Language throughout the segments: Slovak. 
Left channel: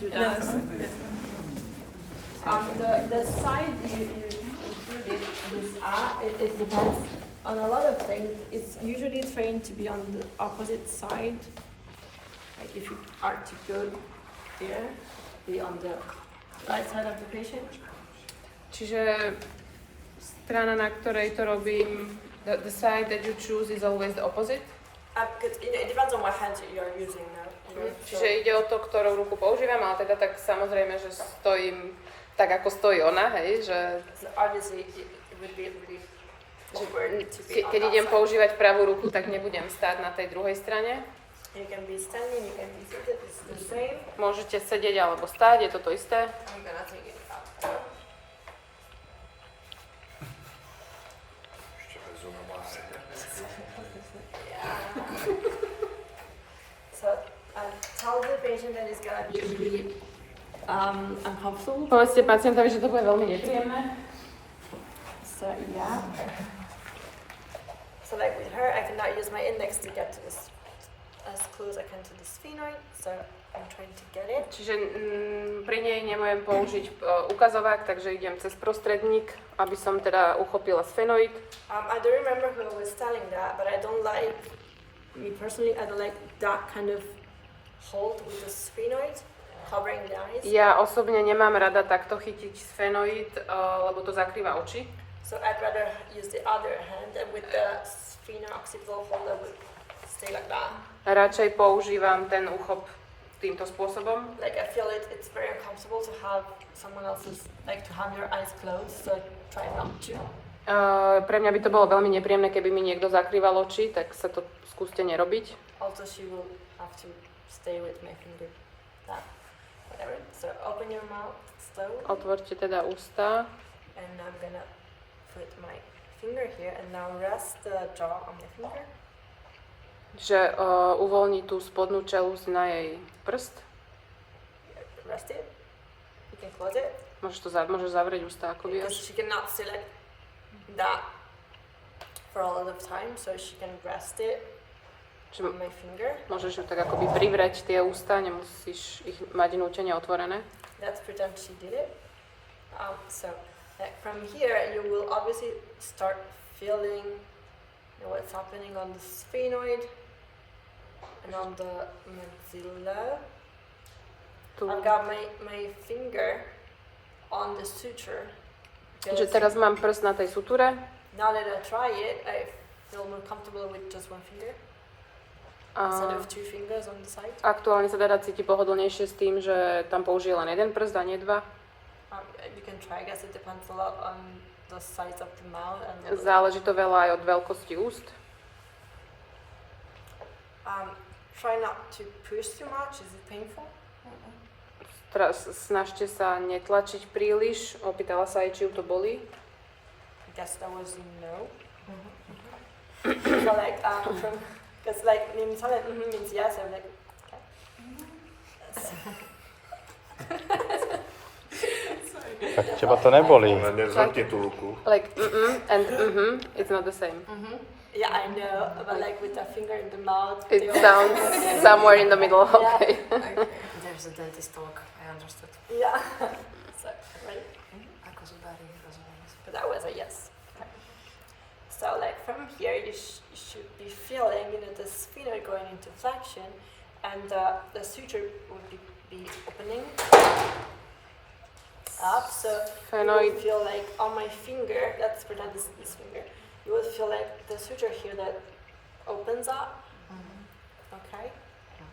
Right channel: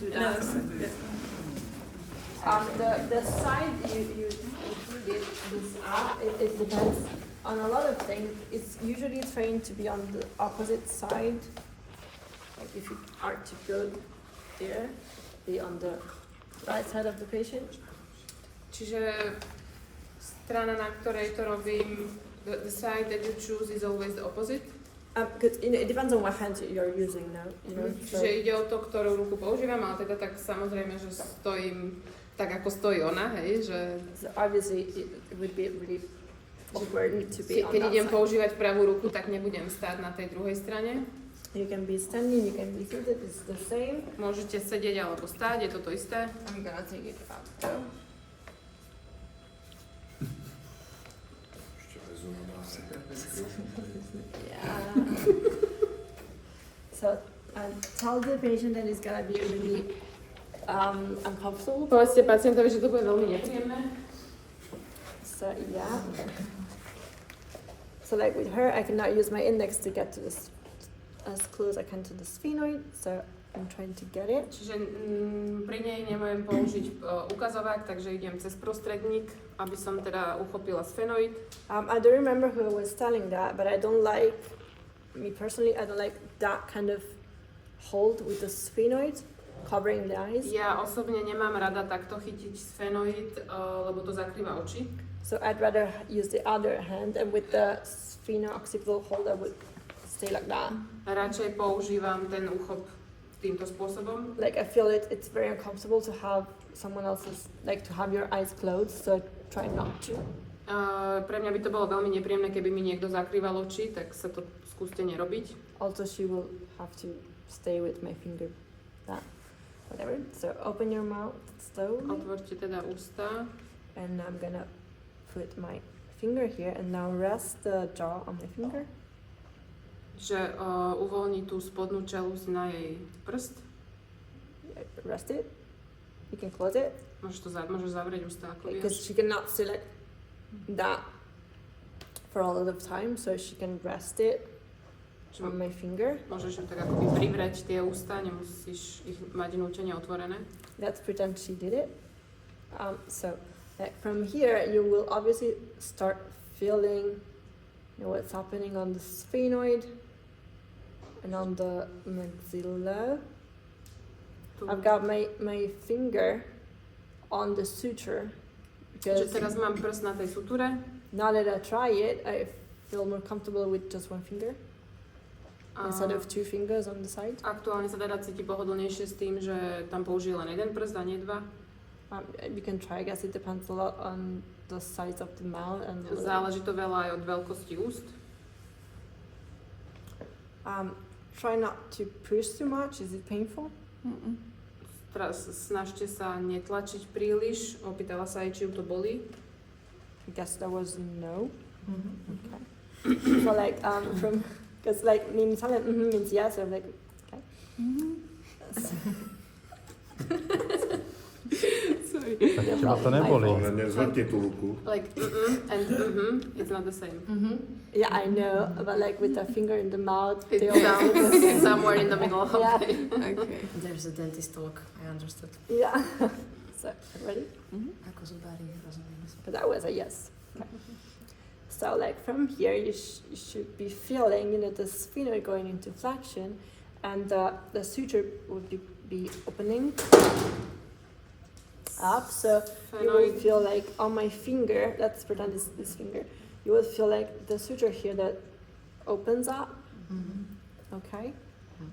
do that. The side you did it depends on a lot of things. It's usually trained to be on the opposite side. Like if you are to go there, be on the right side of the patient. Čiže strana, na ktorej to robím, the side that you choose is always the opposite? Because it depends on what hand you're using now. Čiže ide o to, ktorú ruku používam, ale teda tak samozrejme, že stojím tak, ako stojí ona, hej, že... So obviously it would be really awkward to be on Keď that idem side. používať pravú ruku, tak nebudem stáť na tej druhej strane. You can be standing, you can be seated, it's the same. Môžete sedieť alebo stáť, je to to isté. I'm gonna take it out. So tell the patient that it's gonna be really uncomfortable. Povedzte pacientovi, že to bude veľmi nepríjemné. So yeah. So like with her, I cannot use my index to get to this as close I can to the sphenoid. So I'm trying to get it. Čiže pri nej nemôžem použiť ukazovák, takže idem cez prostredník, aby som teda uchopila sfenoid. I don't remember who was telling that, but I don't like, me personally, I don't like that kind of hold with the sphenoid covering the eyes. Ja osobne nemám rada takto chytiť sfenoid, lebo to zakrýva oči. So I'd rather use the other hand, and with the spheno-occipital hold I would stay like that. Radšej používam ten úchop týmto spôsobom. Like I feel it's very uncomfortable to have someone else's, like to have your eyes closed, so try not to. Pre mňa by to bolo veľmi nepríjemné, keby mi niekto zakrýval oči, tak sa to skúste nerobiť. Also she will have to stay with my finger, that, whatever. So open your mouth slowly. Otvorte teda ústa. And I'm gonna put my finger here and now rest the jaw on my finger. Že uvoľní tú spodnú čelusť na jej prst. Rest it. You can close it. Môžeš zavrieť ústa, ako Because vieš. she cannot stay like that for a lot of time, so she can rest it on my finger. Môžeš ju tak akoby privrieť tie ústa, nemusíš ich mať nútene otvorené. Let's pretend she did it. So like from here you will obviously start feeling what's happening on the sphenoid and on the maxilla. I've got my finger on the suture. Čiže teraz mám prst na tej suture. Now that I try it, I feel more comfortable with just one finger instead of two fingers on the side. Aktuálne sa teda cíti pohodlnejšie s tým, že tam použije len jeden prst a nie dva. You can try, I guess it depends a lot on the size of the mouth and Záleží to veľa aj od veľkosti úst. try not to push too much. Is it painful? Snažte sa netlačiť príliš. Opýtala sa aj, či ju to bolí. I guess that was no. Okay. So like because like means yes. I'm like okay. Tak teba to nebolí. Zamkni tú ruku. Like and it's not the same. Yeah, I know, but like with the finger in the mouth. It sounds somewhere in the middle. Okay. Okay. There's a dentist talk, I understood. Yeah. So ready? Ako zubári rozumiem. But that was a yes. So like from here you should be feeling the sphenoid going into flexion, and the suture would be opening up. So you will feel like on my finger. Let's pretend this finger. You will feel like the suture here that opens up. Okay.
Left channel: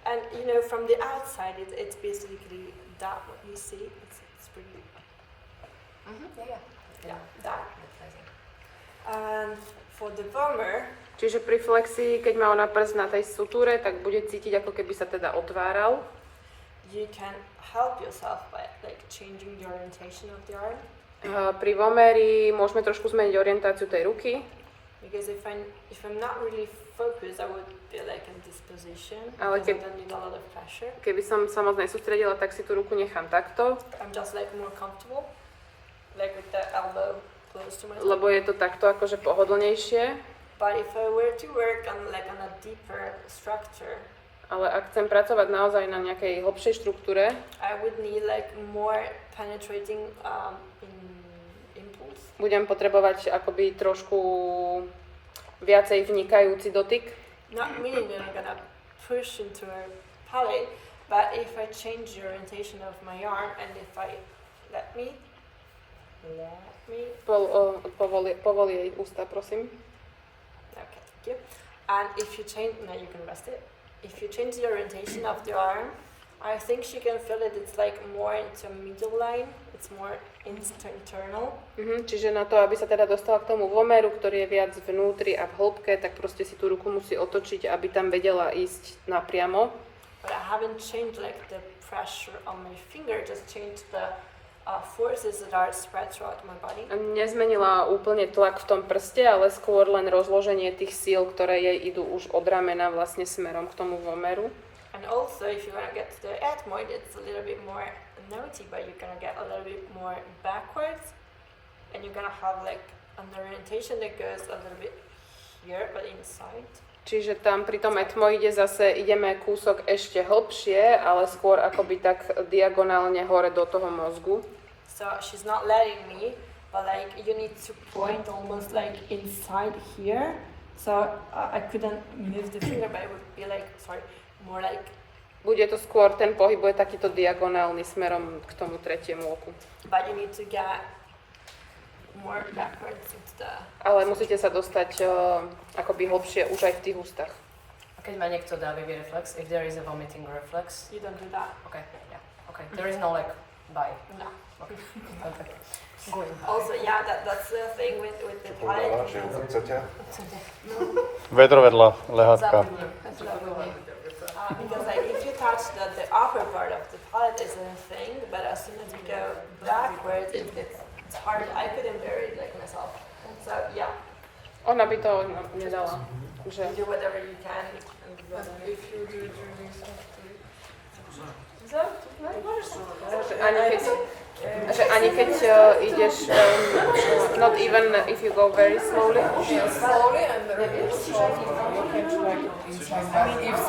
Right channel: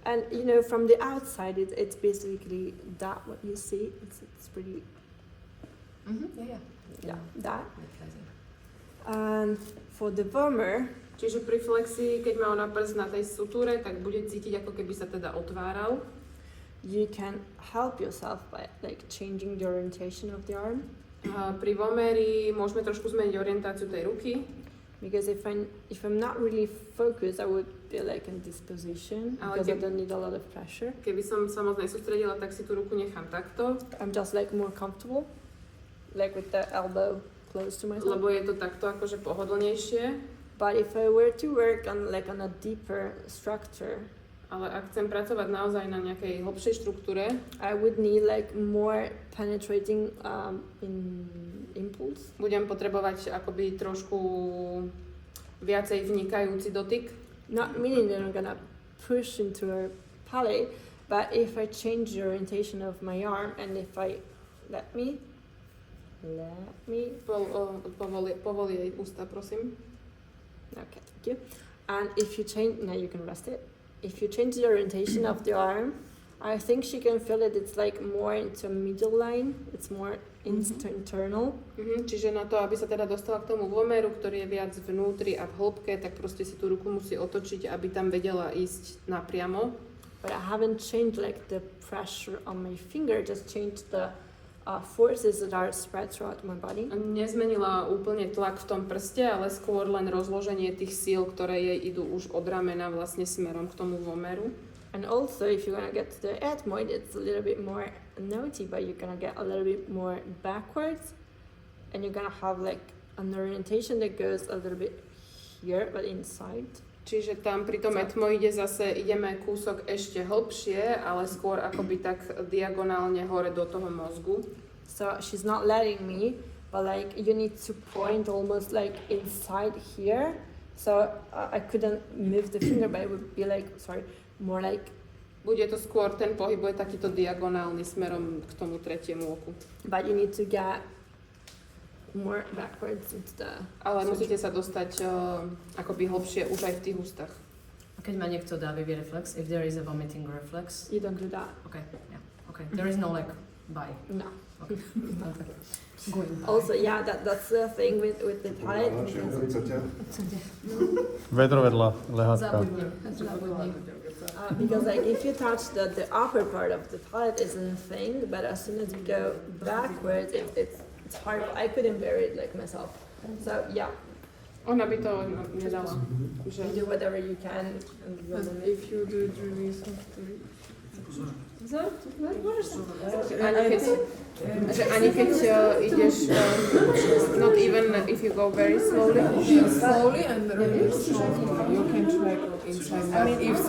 And from the outside it's basically that what you see. It's pretty. Yeah, that. And for the vomer, Čiže pri flexii, keď má ona prst na tej sutúre, tak bude cítiť, ako keby sa teda otváral. you can help yourself by like changing the orientation of the arm. Pri vomeri môžeme trošku zmeniť orientáciu tej ruky. Because if I'm not really focused, I would be like in this position Ale because I don't need a lot of pressure. Keby som sa moc nesústredila, tak si tú ruku nechám takto. I'm just like more comfortable, like with the elbow close to my Lebo je to takto akože pohodlnejšie. But if I were to work on a deeper structure, Ale ak chcem pracovať naozaj na nejakej hlbšej štruktúre, I would need like more penetrating impulse. budem potrebovať akoby trošku viacej vnikajúci dotyk. Not meaning that I'm gonna push into her palate, but if I change the orientation of my arm and if I let me. Povol jej ústa, prosím. Okay, thank you. And if you change, now you can rest it. If you change the orientation of the arm, I think she can feel it. It's like more into middle line. It's more internal. Čiže na to, aby sa teda dostala k tomu vomeru, ktorý je viac vnútri a v hĺbke, tak proste si tú ruku musí otočiť, aby tam vedela ísť napriamo. But I haven't changed like the pressure on my finger. Just changed the forces that are spread throughout my body. A nezmenila úplne tlak v tom prste, ale skôr len rozloženie tých síl, ktoré jej idú už od ramena vlastne smerom k tomu vomeru. And also, if you're gonna get to the ethmoid, it's a little bit more naughty, but you're gonna get a little bit more backwards, and you're gonna have like an orientation that goes a little bit here, but inside. Čiže tam pri tom etmoide zase ideme kúsok ešte hlbšie, ale skôr akoby tak diagonálne hore do toho mozgu. So she's not letting me, but like you need to point almost like inside here. So I couldn't move the finger, but it would be like, more like. Bude to skôr, ten pohyb bude takýto diagonálny smerom k tomu tretiemu oku. But you need to get more backwards into the. Ale musíte sa dostať akoby hlbšie už aj v tých ústach. A keď má niekto dávivý reflex, if there is a vomiting reflex, You don't do that. okay, yeah, okay. There is no like, bye. No. Okay. Okay. Going by. Also, yeah, that's the thing with the palate. Vedro vedľa lehátka. Because like if you touch the upper part of the palate isn't a thing, but as soon as you go backwards, it's hard. I couldn't bear it like myself. So yeah, Ona by to nedala. Že... you do whatever you can. If you do it really softly. Ani keď ideš, not even if you go very slowly. Slowly and really slowly. You can track inside. I mean, if